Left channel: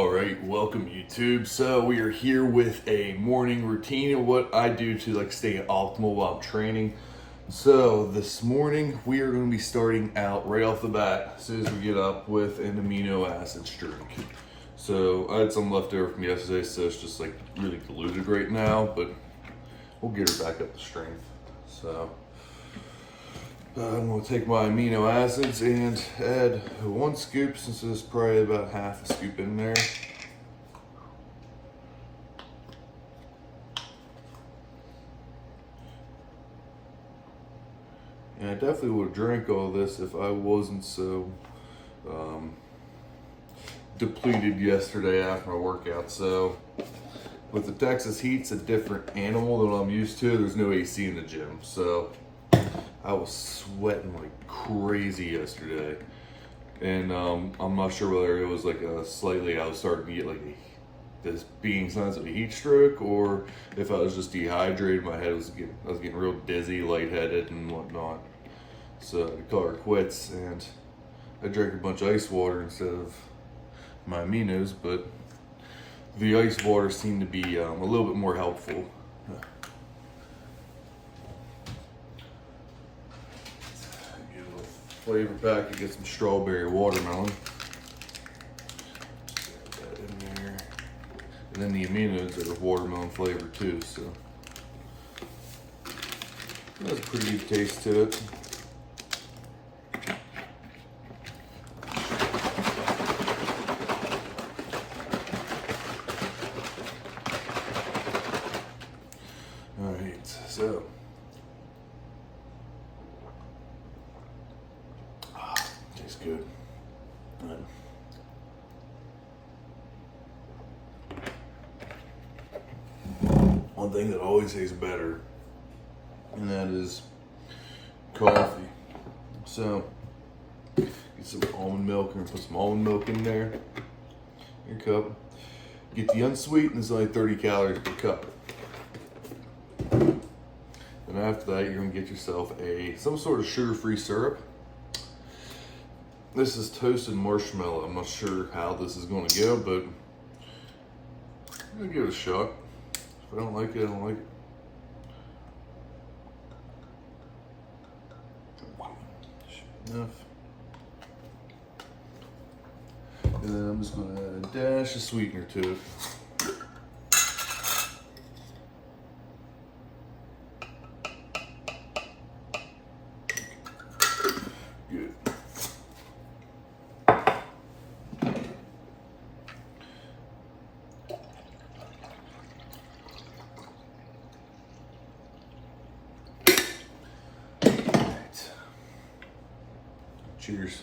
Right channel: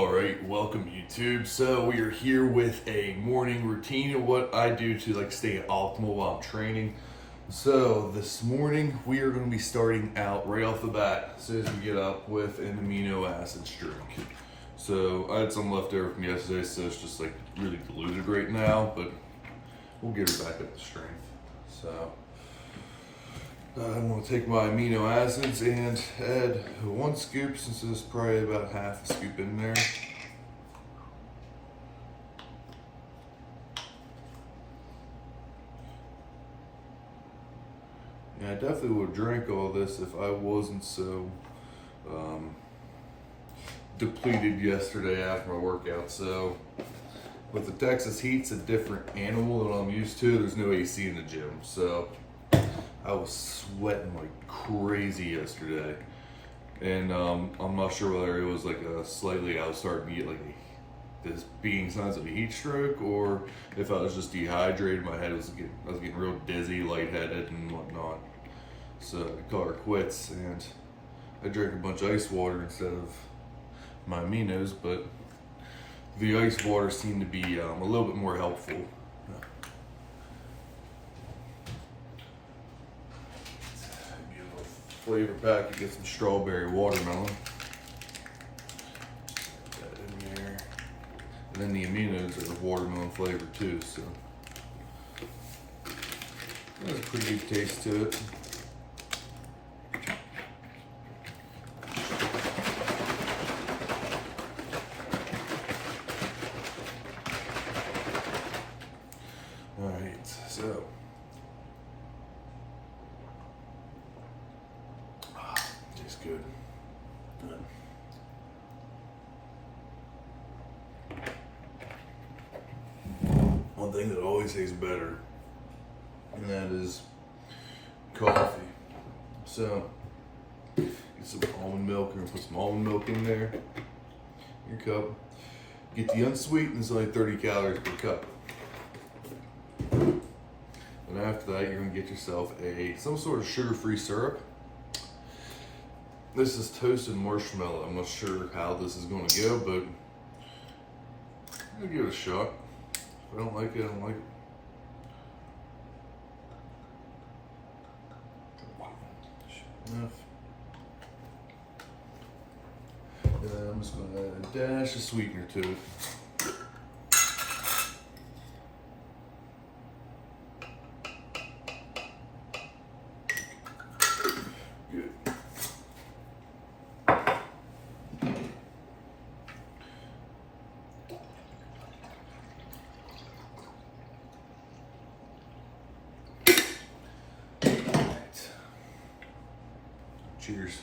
All right, welcome YouTube. So we are here with a morning routine of what I do to stay optimal while I'm training. So this morning we are going to be starting out right off the bat as soon as we get up with an amino acids drink. So I had some left over from yesterday, so it's just really diluted right now, but we'll get her back up to strength. So I'm going to take my amino acids and add 1 scoop, since there's probably about half a scoop in there. And I definitely would drink all this if I wasn't so depleted yesterday after my workout. So with the Texas heat, it's a different animal than I'm used to. There's no AC in the gym, so I was sweating like crazy yesterday, and I'm not sure whether it was I was starting to get this being signs of a heat stroke, or if I was just dehydrated. I was getting real dizzy, lightheaded, and whatnot. So I called her quits, and I drank a bunch of ice water instead of my aminos. But the ice water seemed to be a little bit more helpful. Flavor pack, you get some strawberry watermelon. Just add that in there. And then the aminos are watermelon flavored too, so it has a pretty good taste to it. Alright, so tastes good. One thing that always tastes better, and that is coffee. So get some almond milk, and put some almond milk in there, your cup. Get the unsweetened, it's only 30 calories per cup. And after that, you're gonna get yourself some sort of sugar-free syrup. This is toasted marshmallow. I'm not sure how this is gonna go, but I'm gonna give it a shot. If I don't like it, I don't like it. Enough. And then I'm just gonna add a dash of sweetener to it. Good. Cheers.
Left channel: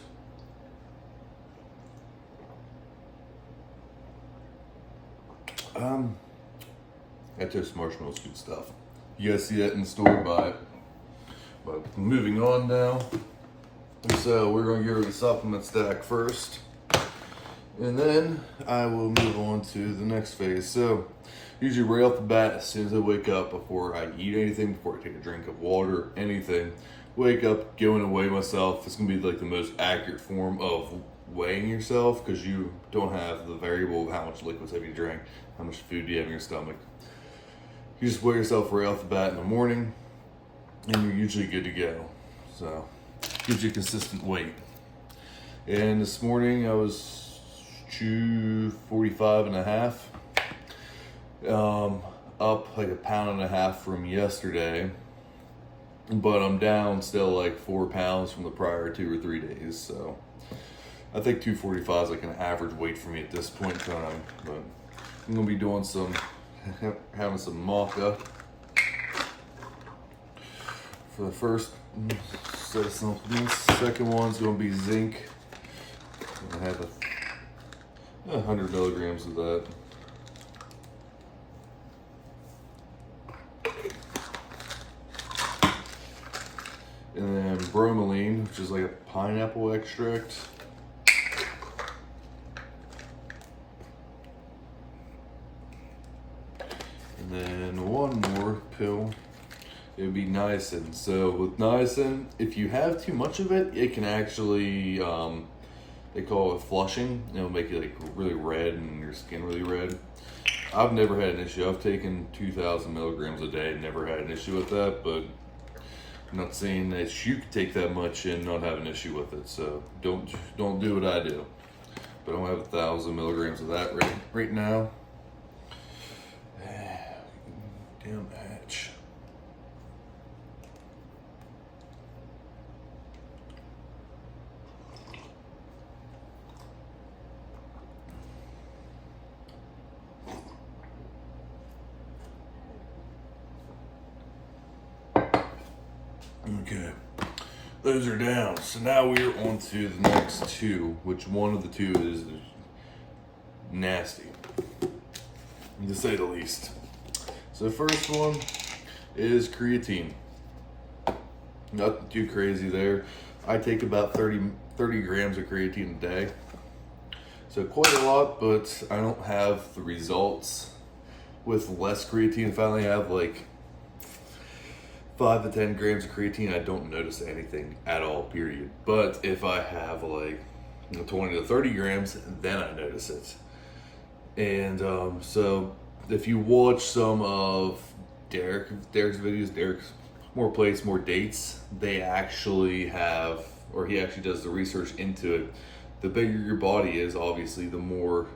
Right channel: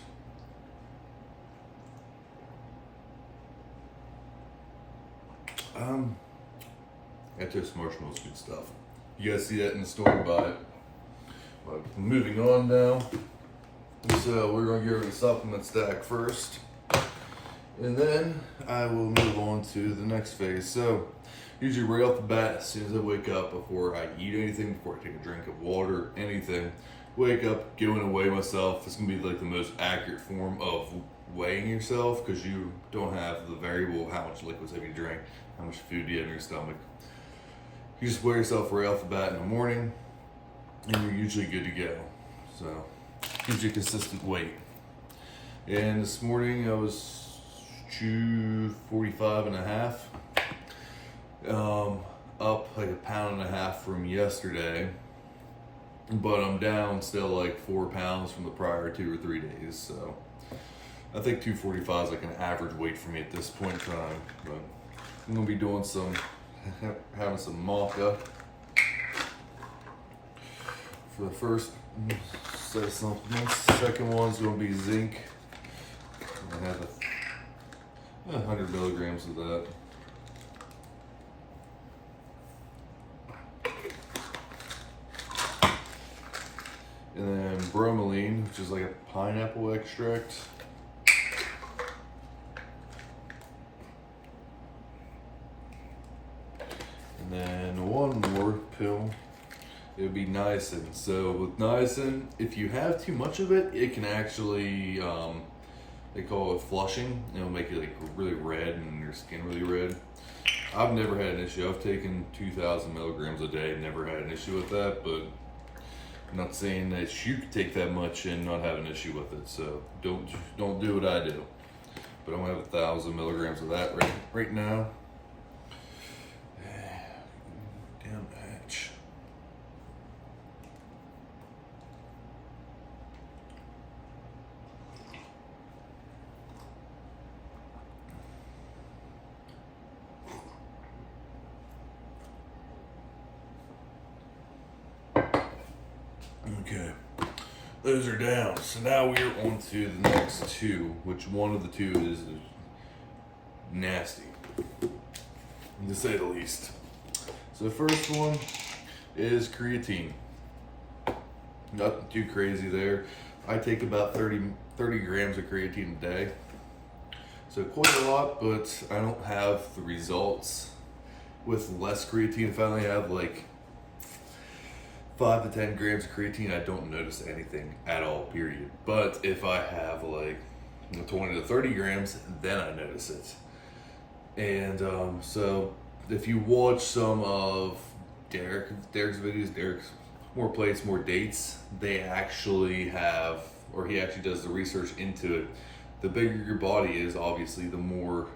That toast marshmallow's good stuff. You guys see that in the store, buy it. But moving on now. So we're gonna go to the supplement stack first, and then I will move on to the next phase. So usually right off the bat, as soon as I wake up, before I eat anything, before I take a drink of water, anything, wake up, go in and weigh myself. It's gonna be the most accurate form of weighing yourself, because you don't have the variable of how much liquids have you drank, how much food you have in your stomach. You just weigh yourself right off the bat in the morning, and you're usually good to go. So gives you a consistent weight. And this morning I was 245 and a half, up like 1.5 pounds from yesterday, but I'm down still 4 pounds from the prior 2 or 3 days. So I think 245 is an average weight for me at this point in time. But I'm gonna be doing having some maca for the first set of supplements. Second one's gonna be zinc. I have 100 milligrams of that. And then bromelain, which is like a pineapple extract. And then one more pill. It would be niacin. So with niacin, if you have too much of it, it can actually They call it flushing. It'll make you like really red and your skin really red. I've never had an issue. I've taken 2,000 milligrams a day and never had an issue with that, but I'm not saying that you could take that much and not have an issue with it. So don't do what I do. But I'm gonna have 1,000 milligrams of that right now. Damn hatch. Okay, those are down. So now we're on to the next two, which one of the two is nasty, to say the least. So the first one is creatine. Nothing too crazy there. I take about 30 grams of creatine a day. So quite a lot, but I don't have the results with less creatine. If I only have like 5 to 10 grams of creatine, I don't notice anything at all, period. But if I have like 20 to 30 grams, then I notice it. And so if you watch some of Derek's videos, Derek's More Plates, More Dates, they actually have, or he actually does the research into it. The bigger your body is, obviously, the more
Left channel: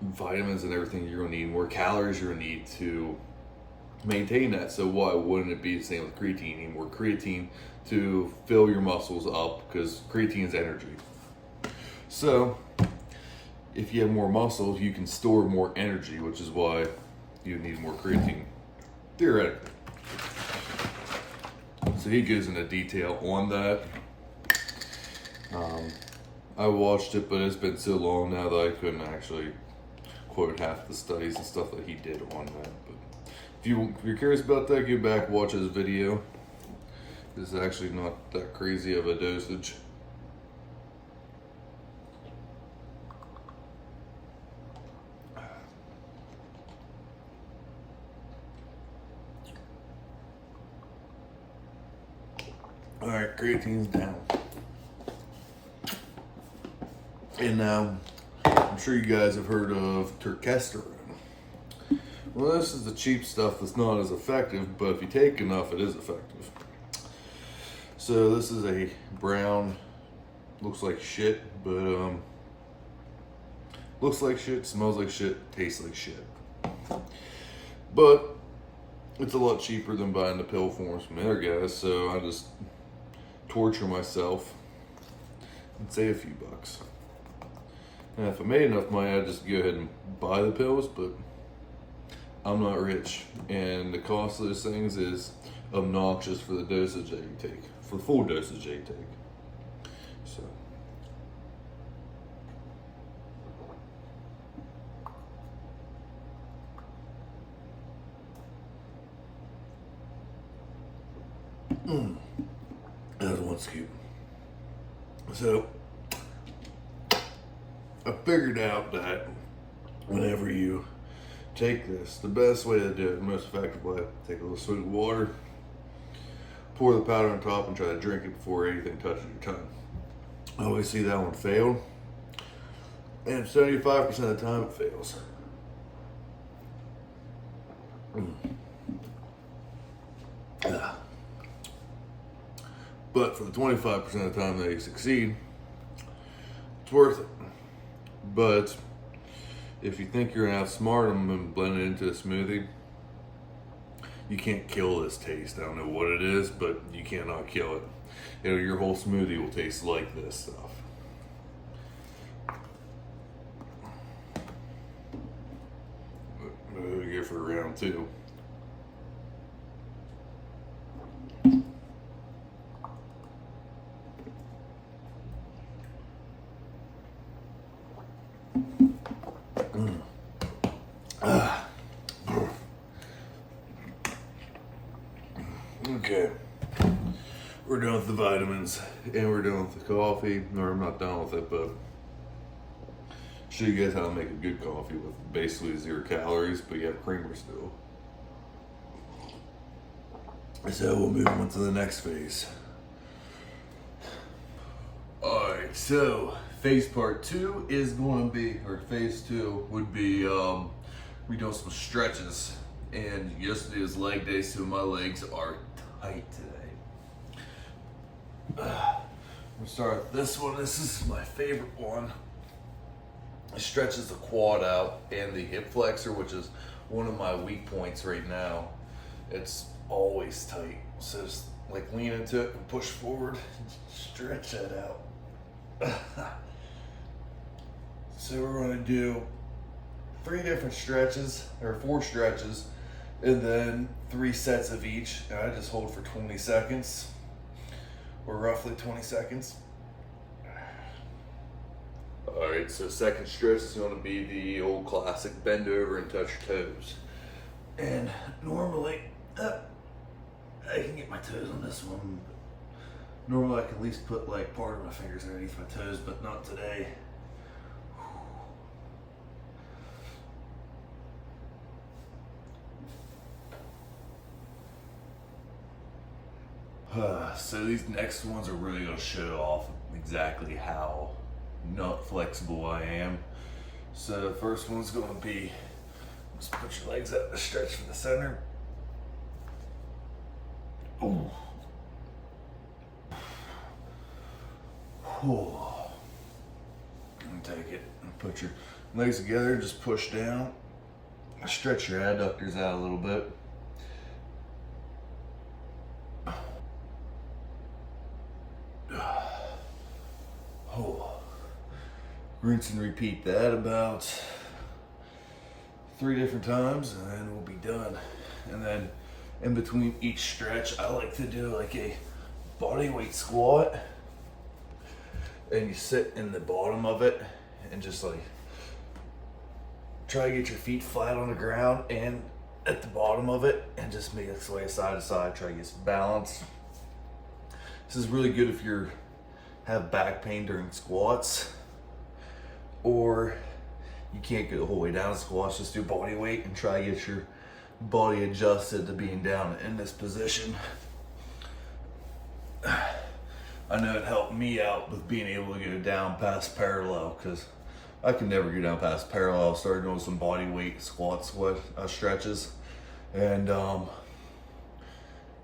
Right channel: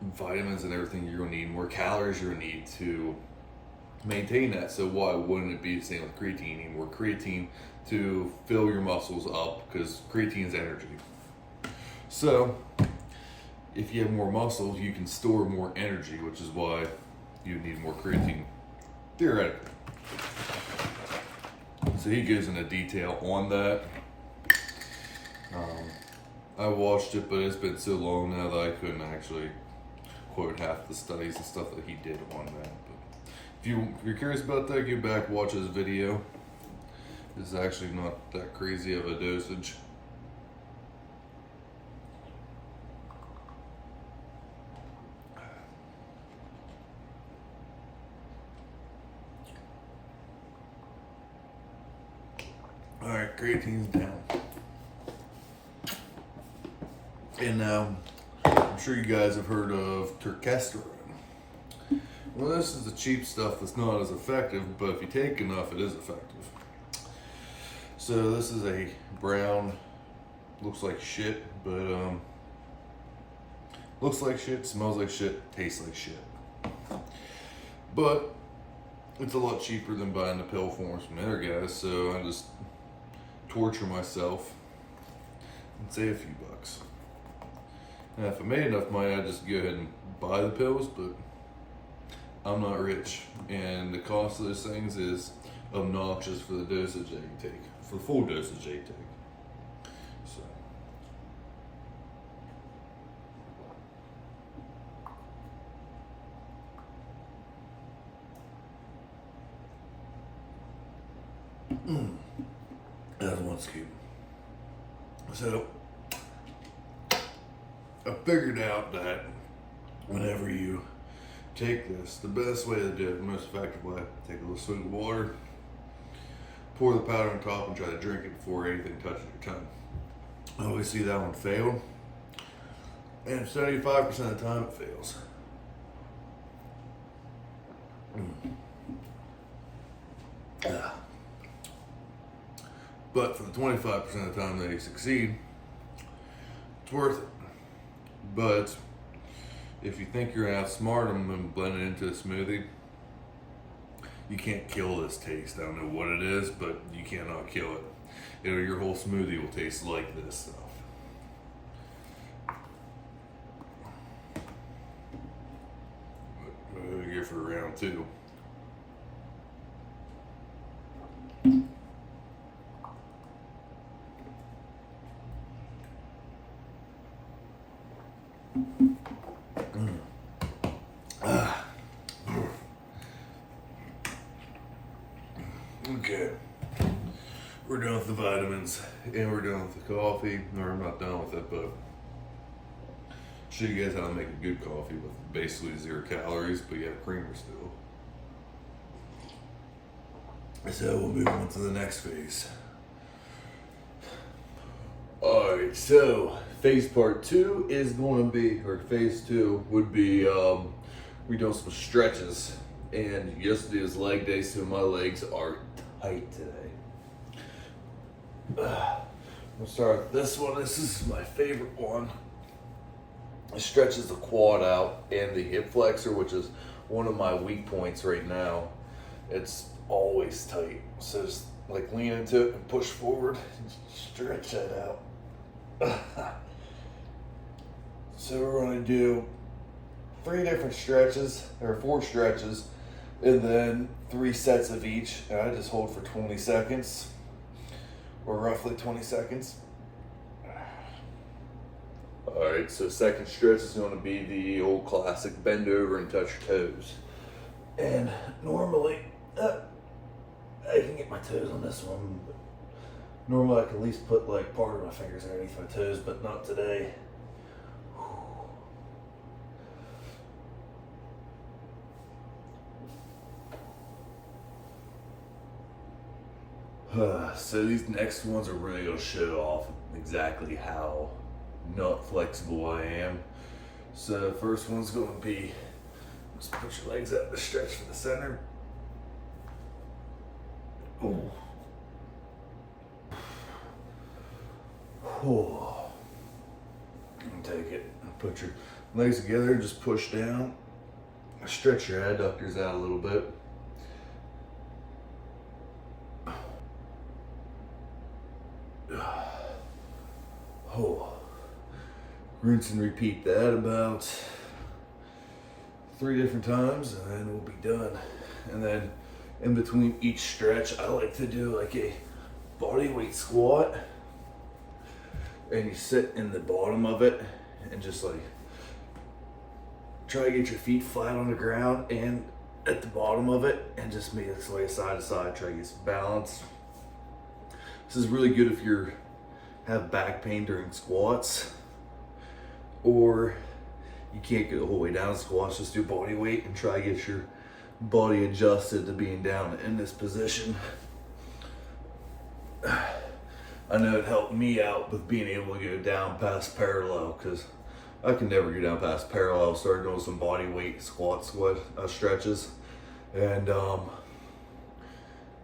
vitamins and everything you're gonna need, more calories you're gonna need to maintain that. So why wouldn't it be the same with creatine? You need more creatine to fill your muscles up, because creatine is energy. So if you have more muscle, you can store more energy, which is why you need more creatine, theoretically. So he goes into detail on that. I watched it, but it's been so long now that I couldn't actually quote half the studies and stuff that he did on that. But if you're curious about that, go back, watch his video. It's actually not that crazy of a dosage. All right, creatine's down. And now, I'm sure you guys have heard of turkesterone. Well, this is the cheap stuff that's not as effective, but if you take enough, it is effective. So this is a brown, looks like shit, but looks like shit, smells like shit, tastes like shit. But it's a lot cheaper than buying the pill forms from the other guys, so I just torture myself and save a few bucks. And if I made enough money, I'd just go ahead and buy the pills, but I'm not rich. And the cost of those things is obnoxious for the dosage that you take, for full dosage that you take. So. That's one scoop. So I figured out that whenever you take this, the best way to do it, the most effective way, take a little swig of water, pour the powder on top, and try to drink it before anything touches your tongue. I always see that one fail, and 75% of the time it fails. But for the 25% of the time they succeed, it's worth it. But if you think you're gonna outsmart them and blend it into a smoothie, you can't kill this taste. I don't know what it is, but you cannot kill it. Your whole smoothie will taste like this stuff. We'll go for round two. Okay, we're done with the vitamins and we're done with the coffee. Or I'm not done with it, but show you guys how to make a good coffee with basically 0 calories, but you have creamer still. So we'll move on to the next phase. Alright, so phase part 2 is going to be, or phase 2 would be, we doing some stretches. And yesterday was leg day, so my legs are tight today. We'll start with this one. This is my favorite one. It stretches the quad out and the hip flexor, which is one of my weak points right now. It's always tight. So just like lean into it and push forward and stretch that out. So we're gonna do 3 different stretches, or 4 stretches, and then 3 sets of each. And I just hold for 20 seconds, or roughly 20 seconds. All right, so second stretch is going to be the old classic bend over and touch your toes. And normally, I can get my toes on this one, but normally I can at least put like part of my fingers underneath my toes, but not today. So these next ones are really going to show off exactly how not flexible I am. So the first one's going to be, just put your legs out to stretch for the center. Ooh. Ooh. And take it and put your legs together, just push down, stretch your adductors out a little bit. Oh. Rinse and repeat that about 3 different times, and then we'll be done. And then in between each stretch, I like to do like a body weight squat, and you sit in the bottom of it and just like try to get your feet flat on the ground and at the bottom of it, and just make it sway side to side, try to get some balance. This is really good if you have back pain during squats, or you can't get the whole way down to squats. Just do body weight and try to get your body adjusted to being down in this position. I know it helped me out with being able to go down past parallel, because I can never go down past parallel. I started doing some body weight squats, stretches, and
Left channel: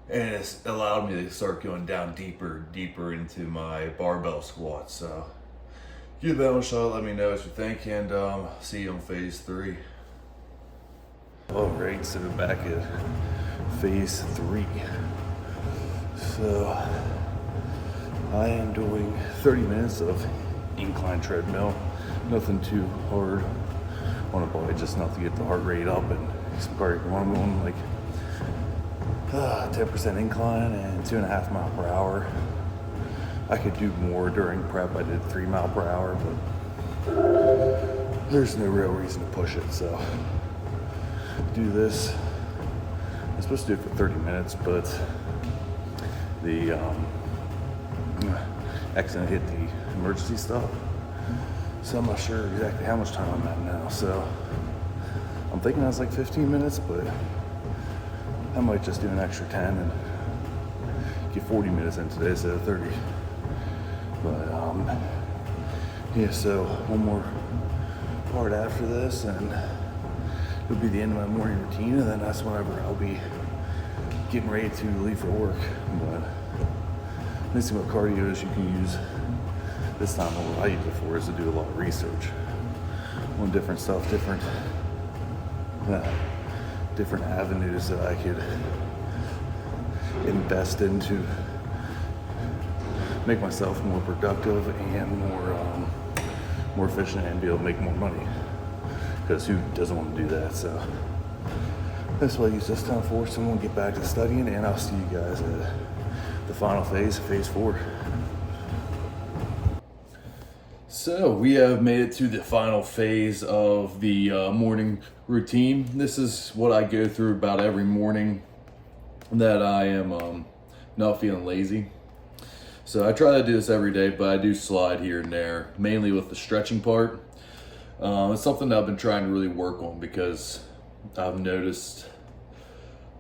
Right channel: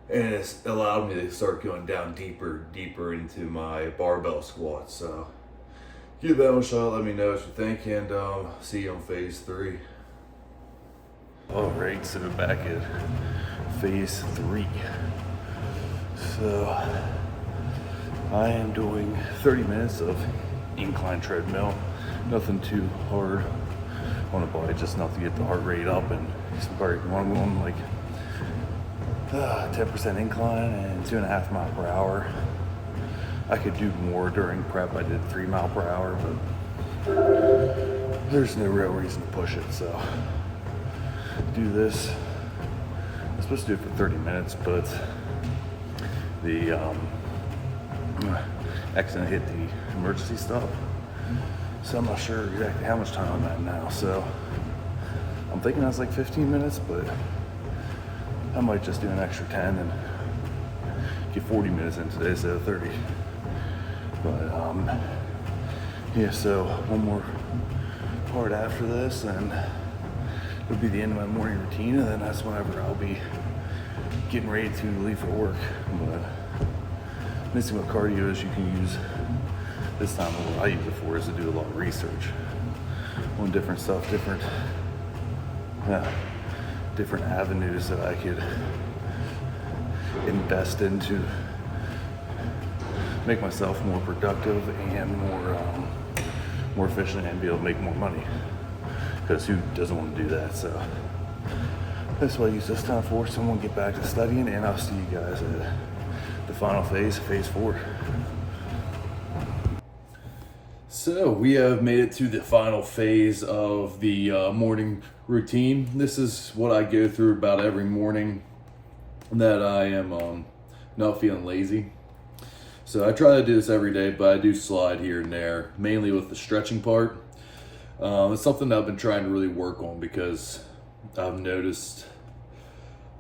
it's allowed me to start going down deeper into my barbell squats. So give that one a shot. Let me know what you think, and see you on phase 3. All right, so we're back at phase 3. So I am doing 30 minutes of incline treadmill. Nothing too hard on the body, just enough to get the heart rate up and some cardiac. I'm going like 10% incline and 2.5 miles per hour. I could do more during prep. I did 3 miles per hour, but there's no real reason to push it. So do this. I'm supposed to do it for 30 minutes, but the accident hit the emergency stop. So I'm not sure exactly how much time I'm at now. So I'm thinking I was like 15 minutes, but I might just do an extra 10 and get 40 minutes in today instead of 30. But yeah, so one more part after this, and it'll be the end of my morning routine, and then that's whenever I'll be getting ready to leave for work. But missing with cardio is you can use this time, what I use it for is to do a lot of research on different stuff, different avenues that I could invest into, make myself more productive and more efficient, and be able to make more money, because who doesn't want to do that? So that's what I use this time for. So I'm gonna get back to studying, and I'll see you guys at the final phase 4. So we have made it to the final phase of the morning routine. This is what I go through about every morning that I am not feeling lazy. So I try to do this every day, but I do slide here and there, mainly with the stretching part. It's something that I've been trying to really work on, because I've noticed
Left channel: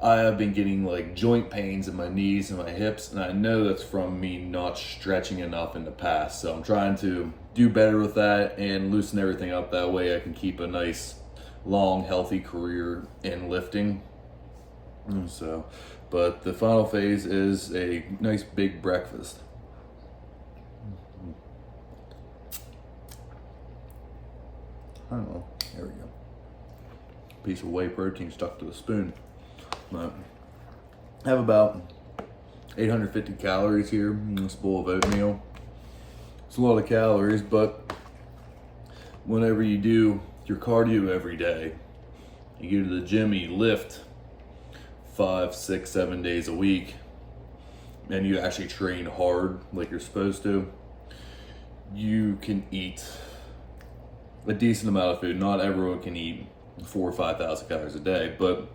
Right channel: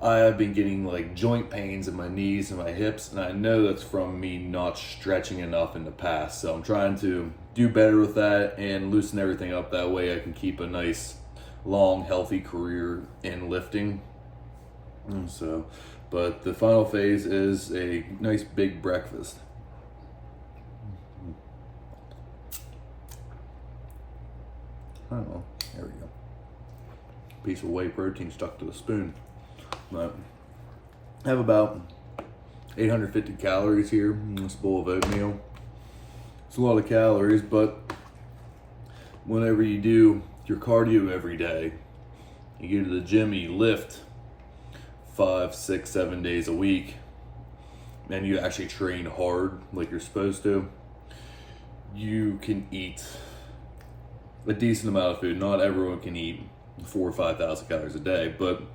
I have been getting like joint pains in my knees and my hips, and I know that's from me not stretching enough in the past. So I'm trying to do better with that and loosen everything up. That way I can keep a nice, long, healthy career in lifting. So, but the final phase is a nice big breakfast. Oh, there we go. Piece of whey protein stuck to the spoon. But I have about 850 calories here in this bowl of oatmeal. It's a lot of calories, but whenever you do your cardio every day, you go to the gym, you lift 5, 6, 7 days a week, and you actually train hard like you're supposed to, you can eat a decent amount of food. Not everyone can eat 4,000 or 5,000 calories a day, but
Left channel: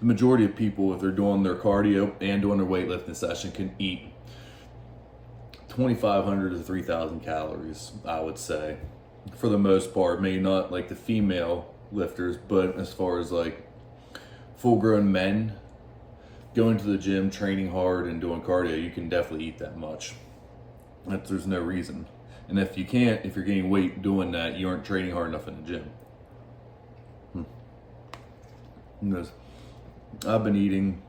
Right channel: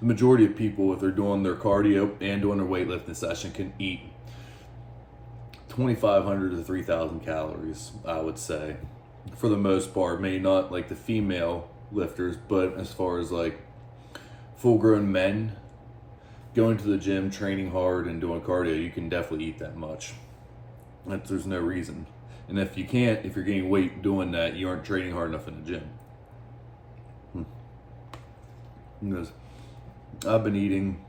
the majority of people, if they're doing their cardio and doing their weightlifting session, can eat 2,500 to 3,000 calories, I would say, for the most part. Maybe not like the female lifters, but as far as like full-grown men going to the gym, training hard, and doing cardio, you can definitely eat that much. There's no reason. And if you can't, if you're gaining weight doing that, you aren't training hard enough in the gym. Because I've been eating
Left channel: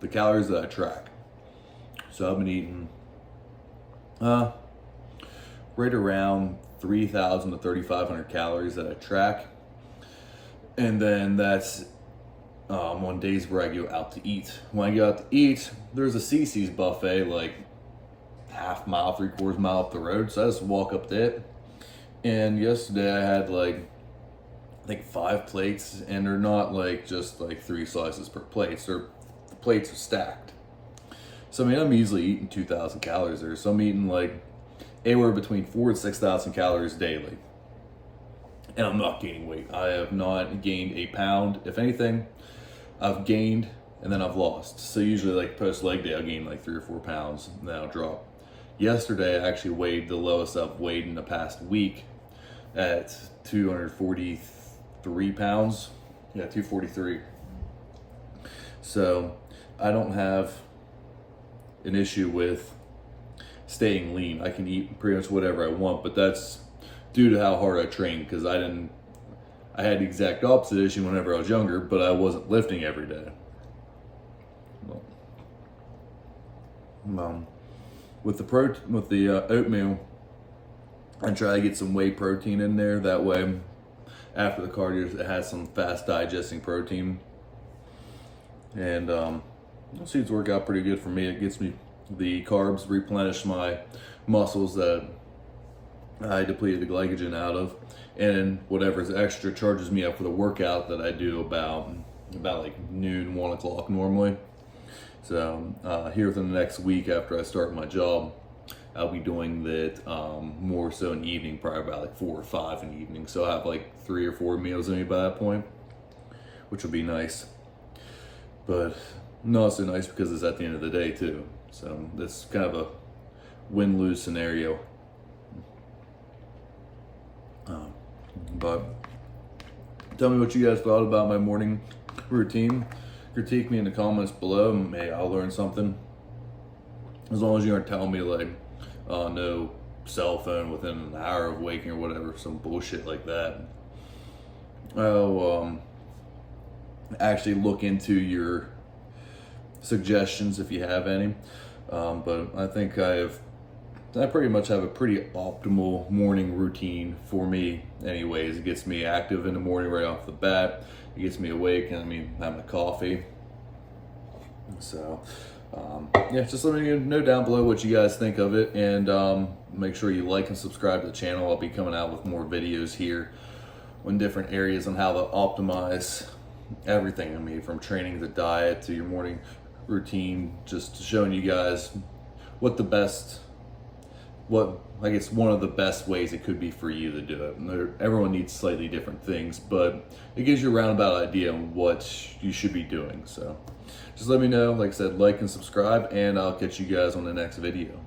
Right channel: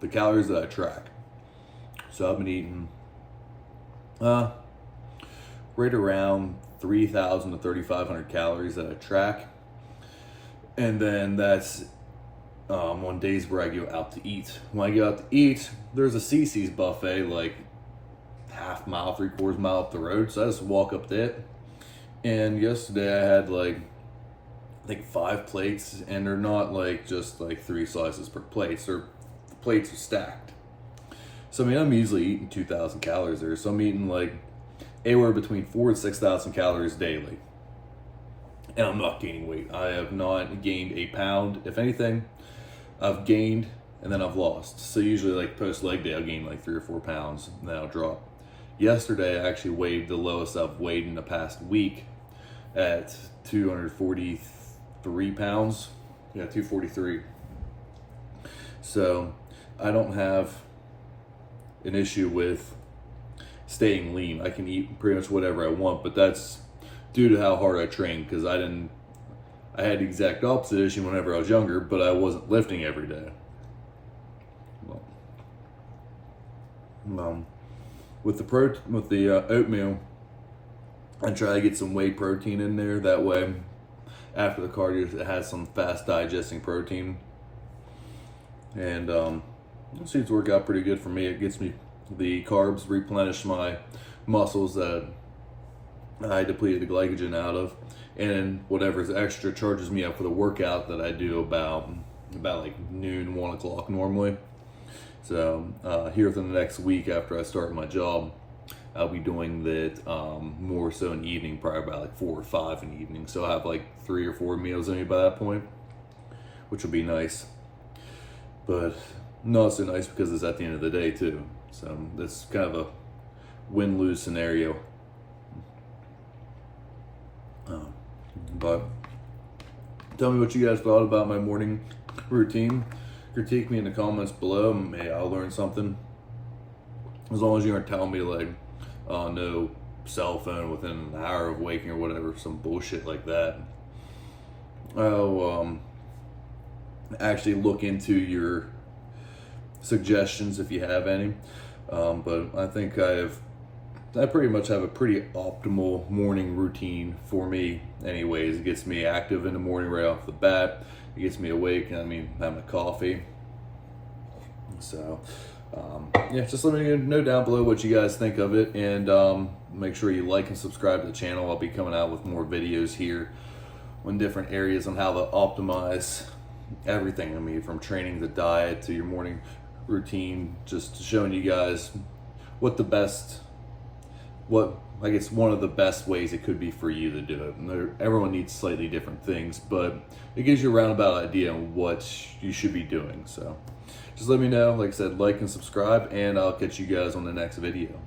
the calories that I track. So I've been eating right around 3,000 to 3,500 calories that I track. And then that's on days where I go out to eat. When I go out to eat, there's a CC's buffet like half mile, 3/4 mile up the road. So I just walk up to it. And yesterday I had like, I think 5 plates, and they're not like just like 3 slices per plate. The plates are stacked. So I mean, I'm easily eating 2,000 calories there. So I'm eating like anywhere between 4,000 and 6,000 calories daily. And I'm not gaining weight. I have not gained a pound. If anything, I've gained and then I've lost. So usually like post leg day, I'll gain like 3 or 4 pounds and then I'll drop. Yesterday, I actually weighed the lowest I've weighed in the past week at 243 pounds. Yeah, 243. So I don't have an issue with staying lean. I can eat pretty much whatever I want, but that's due to how hard I train, because I had the exact opposite issue whenever I was younger, but I wasn't lifting every day. With the oatmeal, I try to get some whey protein in there. That way, after the cardio, it has some fast digesting protein. And it seems to work out pretty good for me. It gets me the carbs, replenish my muscles that I depleted the glycogen out of, and whatever's extra charges me up for the workout that I do about like noon, 1 o'clock normally. So here within the next week after I start my job, I'll be doing that more so in the evening, probably about like 4 or 5 in the evening. So I'll have like 3 or 4 meals in me by that point, which will be nice. But not so nice because it's at the end of the day too. So that's kind of a win-lose scenario. But tell me what you guys thought about my morning routine. Critique me in the comments below. Maybe I'll learn something. As long as you aren't telling me like, no cell phone within an hour of waking or whatever, some bullshit like that. I'll actually look into your suggestions if you have any. But I think I pretty much have a pretty optimal morning routine for me anyways. It gets me active in the morning right off the bat. It gets me awake, and I have my coffee. So yeah, just let me know down below what you guys think of it, and make sure you like and subscribe to the channel. I'll be coming out with more videos here on different areas on how to optimize everything. I mean, from training to diet to your morning routine, just showing you guys what I guess one of the best ways it could be for you to do it. Everyone needs slightly different things, but it gives you a roundabout idea on what you should be doing. So just let me know. Like I said, like and subscribe, and I'll catch you guys on the next video.